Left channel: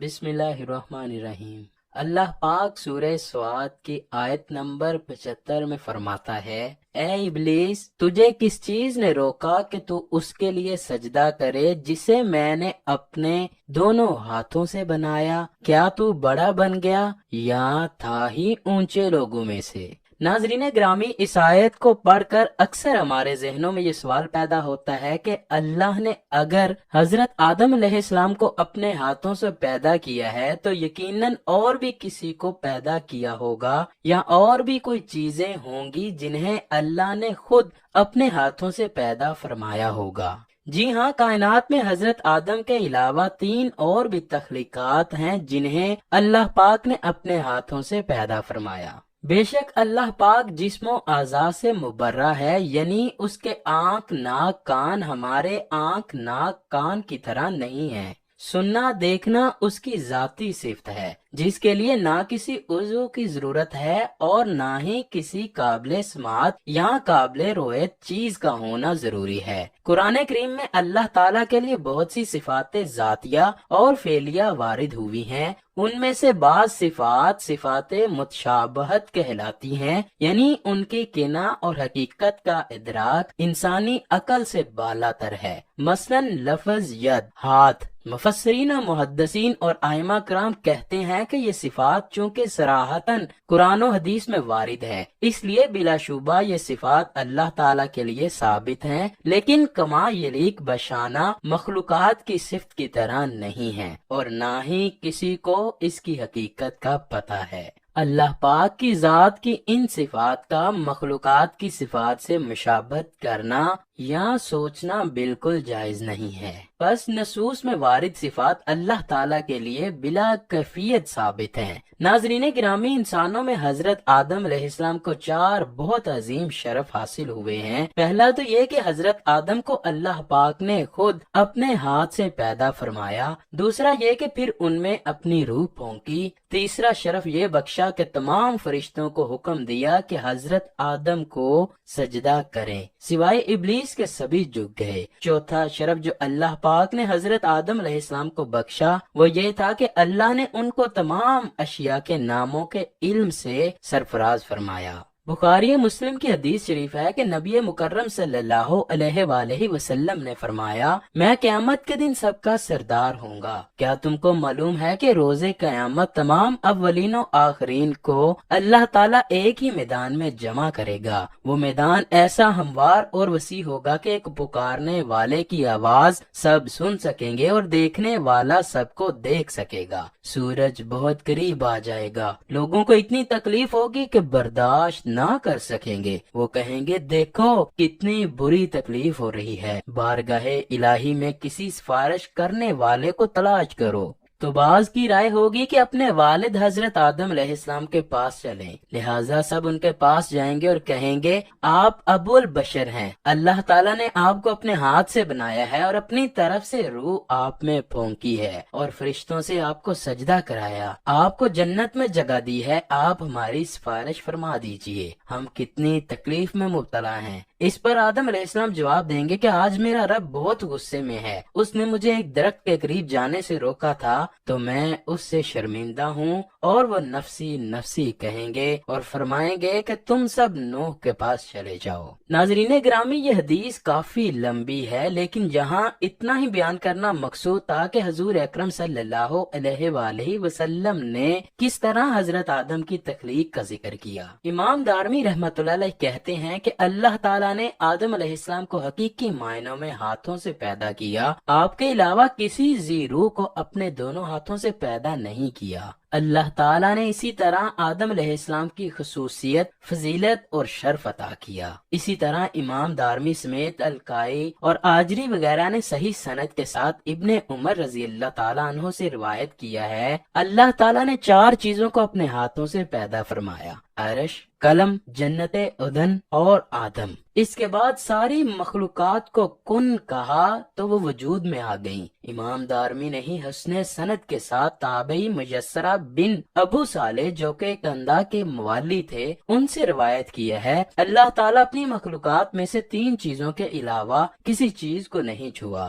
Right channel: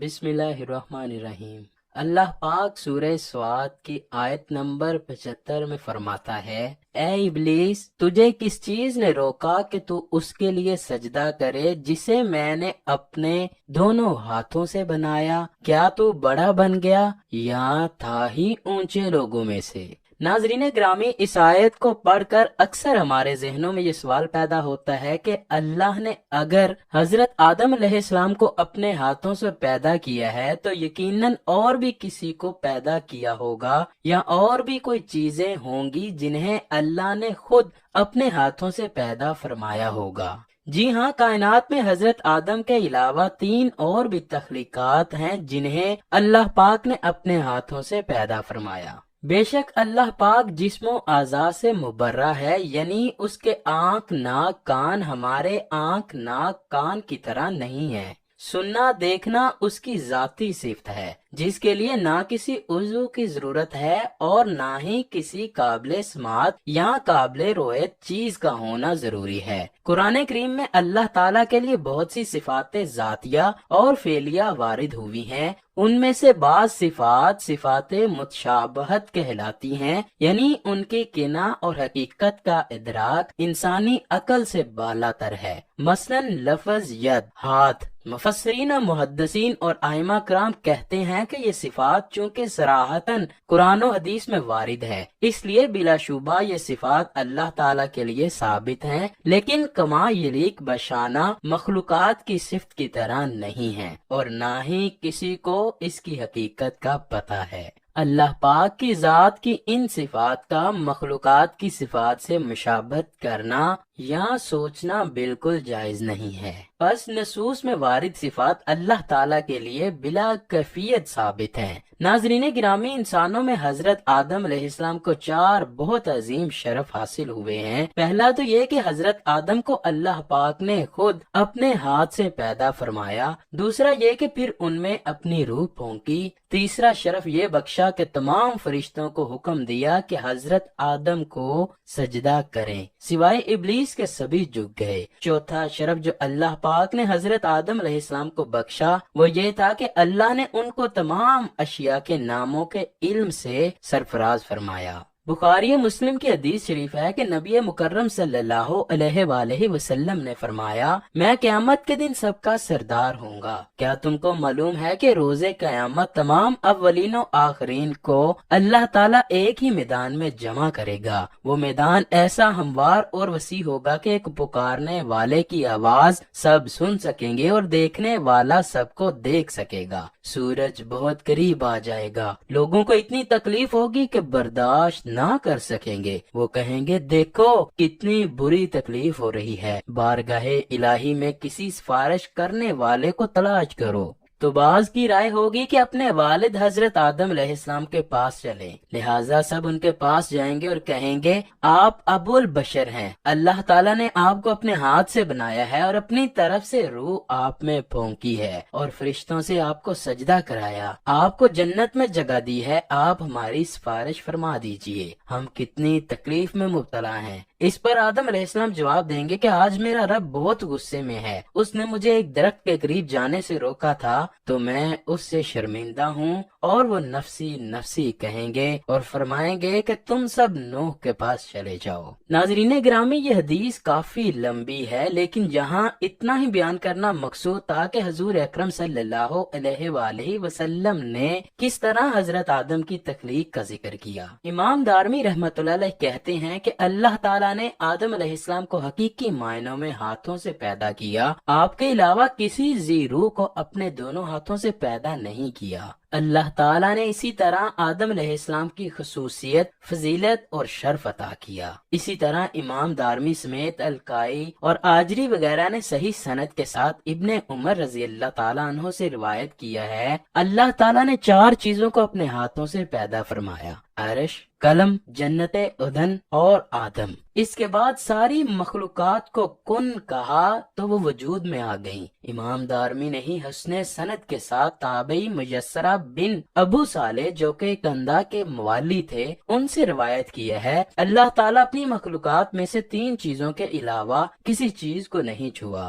بسم اللہ الرحمن الرحیم۔ اللہ پاک سورہ سواد کی آیت نمبر 75 میں فرماتا ہے، اے ابلیس، تجھے کس چیز نے روکا کہ تو اس کے لیے سجدہ کرے جسے میں نے اپنے دونوں ہاتھوں سے بنایا؟ کیا تو بڑا بن گیا یا تھا ہی اونچے لوگوں میں سے؟ ناظرین گرامی، اس آیت کو پڑھ کر اکثر ہمارے ذہنوں میں یہ سوال پیدا ہوتا ہے کہ اللہ نے اگر حضرت آدم علیہ السلام کو اپنے ہاتھوں سے پیدا کیا ہے تو یقیناً اور بھی کسی کو پیدا کیا ہوگا، یا اور بھی کوئی چیزیں ہوں گی جنہیں اللہ نے خود اپنے ہاتھوں سے پیدا فرمایا ہوگا۔ جی ہاں، کائنات میں حضرت آدم کے علاوہ 3 اور بھی تخلیقات ہیں جنہیں اللہ پاک نے اپنے ہاتھوں سے پیدا فرمایا۔ بے شک اللہ پاک جسم و اعضاء سے مبرہ ہے، یعنی اس کے آنکھ، ناک، کان ہمارے آنکھ، ناک، کان کی طرح نہیں ہے۔ سننا، دیکھنا اس کی ذاتی صفت ہے، جس کے لیے نہ کسی عضو کی ضرورت ہے اور نہ ہی کسی قابل سماعت یا قابل رویت چیز کا ہونا ضروری ہے۔ قرآن کریم میں اللہ تعالیٰ کے لیے بہت سی صفات ذاتیہ اور فعلیہ وارد ہوئی ہیں۔ ان میں سے بعض صفات متشابہت کہلاتی ہیں، یعنی ان کی کنایہ اور حقیقت کا ادراک انسانی عقل سے بالا تر ہے۔ مثلا لفظ ید، ہاتھ، مفسرین، محدثین اور ائمہ کرام کہتے ہیں کہ یہ صفات چونکہ صراحتاً قرآن و حدیث میں وارد ہیں، اس لیے بلا شبہ یہ صفات اللہ تعالیٰ کے لیے ثابت ہیں، لیکن کما یلیق بشانہ مخلوقات کی صفت کی طرح نہیں ہیں، اور نہ ہی کسی کو اس کی حقیقت کا پتہ ہے۔ اللہ پاک کی ذات کی ان صفات کا مخلوقات کی صفات سے مشابہت کرنا یا سوچنا بالکل جائز نہیں ہے۔ پس نصوص میں وارد صفات اللہ تعالیٰ کے لیے بلا کیفیت ثابت ہیں۔ ناظرین گرامی، انسانوں میں حضرت آدم علیہ السلام کو 4 بہت عظیم شرف حاصل ہوئے ہیں۔ پہلا تو یہ کہ حضرت آدم کو اللہ پاک نے خود اپنے ہاتھ سے پیدا فرمایا، دوسرا یہ کہ پھر ان میں اپنی روح پھونکی، تیسرا شرف یہ بخشا کہ تمام فرشتوں کو حکم دیا کہ حضرت آدم کو سجدہ کریں، سوائے ابلیس کے سبھی جھک گئے۔ چوتھا شرف جو اللہ پاک نے حضرت آدم علیہ السلام کو بخشا وہ یہ تھا کہ اللہ نے ان کو تمام اشیاء کے ناموں کے علم سے سرفراز فرمایا۔ بخاری مسلم کی حدیث شریف ہے کہ نبی مکرم صلی اللہ علیہ وآلہ وسلم نے فرمایا، میں قیامت کے دن سب کا سردار ہوں گا۔ کیا تم کو معلوم ہے کہ روز قیامت تمام اولین و آخرین کو اللہ تعالیٰ ایک ہی میدان میں جمع کرے گا؟ وہ میدان ایسا ہموار اور وسیع ہوگا کہ ایک پکارنے والے کی آواز سب سن سکیں گے اور دیکھنے والا سب کو دیکھ سکے گا۔ سورج بہت قریب آ جائے گا، لوگوں کو اتنی تکلیف ہوگی کہ برداشت نہ کر سکیں گے۔ وہ کہیں گے، دیکھو کتنی بری تکلیف ہو رہی ہے، بارگاہ الہی میں کسی سفارش کرنے والے کو تلاش کرو۔ تو بعض کی رائے ہوگی کہ اپنے والد حضرت آدم علیہ السلام کے پاس چلیں، لہٰذا سب ان کے پاس جائیں گے اور کہیں گے، آپ ابو البشر ہیں، اللہ تعالیٰ نے آپ کو اپنے ہاتھ سے بنایا ہے اور اپنی طرف سے روح آپ میں پھونکی ہے اور فرشتوں سے آپ کو سجدہ کرایا، آپ کو جنت میں جگہ دی ہے، آپ ہماری سفارش فرما دیجئے، ہم کتنی تکلیف میں مبتلا ہیں۔ اس پر آدم علیہ السلام جواب دیں گے کہ آج میرا رب بہت غصے میں ہے، اس نے مجھے ایک درخت کے قریب جانے سے روکا تھا تو میں اس سے شرمندہ ہوں، اور وہ نفسی نفسی کہیں گے اور فرمائیں گے کہ تم سب نوح کے پاس چلے جاؤ۔ ناظرین گرامی، یہ حدیث کافی لمبی ہے، لیکن یہاں اتنا ہی بیان کرنا مقصود تھا کہ حضور اکرم صلی اللہ علیہ وآلہ وسلم نے کس طرح حضرت آدم کی تخلیق کا ذکر کیا۔ امام دارمی رحمۃ اللہ علیہ کہتے ہیں کہ اللہ تعالیٰ نے آدم علیہ السلام کو حقیقی معنوں میں ہاتھوں سے پیدا کیا، آپ کے علاوہ کسی ذی روح کو اپنے دونوں ہاتھوں سے پیدا نہیں کیا۔ اللہ تعالیٰ نے اسی طرح آدم علیہ السلام کی خصوصیت، فضیلت اور شرف عطا کیا۔ اسی طرح امام دارمی سمیت الکائی اور آجری وغیرہ نے صحیح سند کے ساتھ ابن عمر رضی اللہ تعالیٰ عنہ سے روایت کیا ہے، اللہ تعالیٰ نے 4 چیزوں کو اپنے ہاتھوں سے پیدا فرمایا: عرش، قلم، جنت عدن اور آدم۔ اس کے بعد ساری مخلوقات کو کن کہا تو وہ وجود میں آ گئیں۔ امام دارمی نے ہی حسن سند کے ساتھ تابعی میسرہ بن ابو صالح جو کہ کندہ کے موالی تھے ان سے روایت کیا ہے، اللہ تعالیٰ اپنی مخلوقات میں سے 3 چیزوں کے علاوہ کسی چیز کو نہیں چھوا،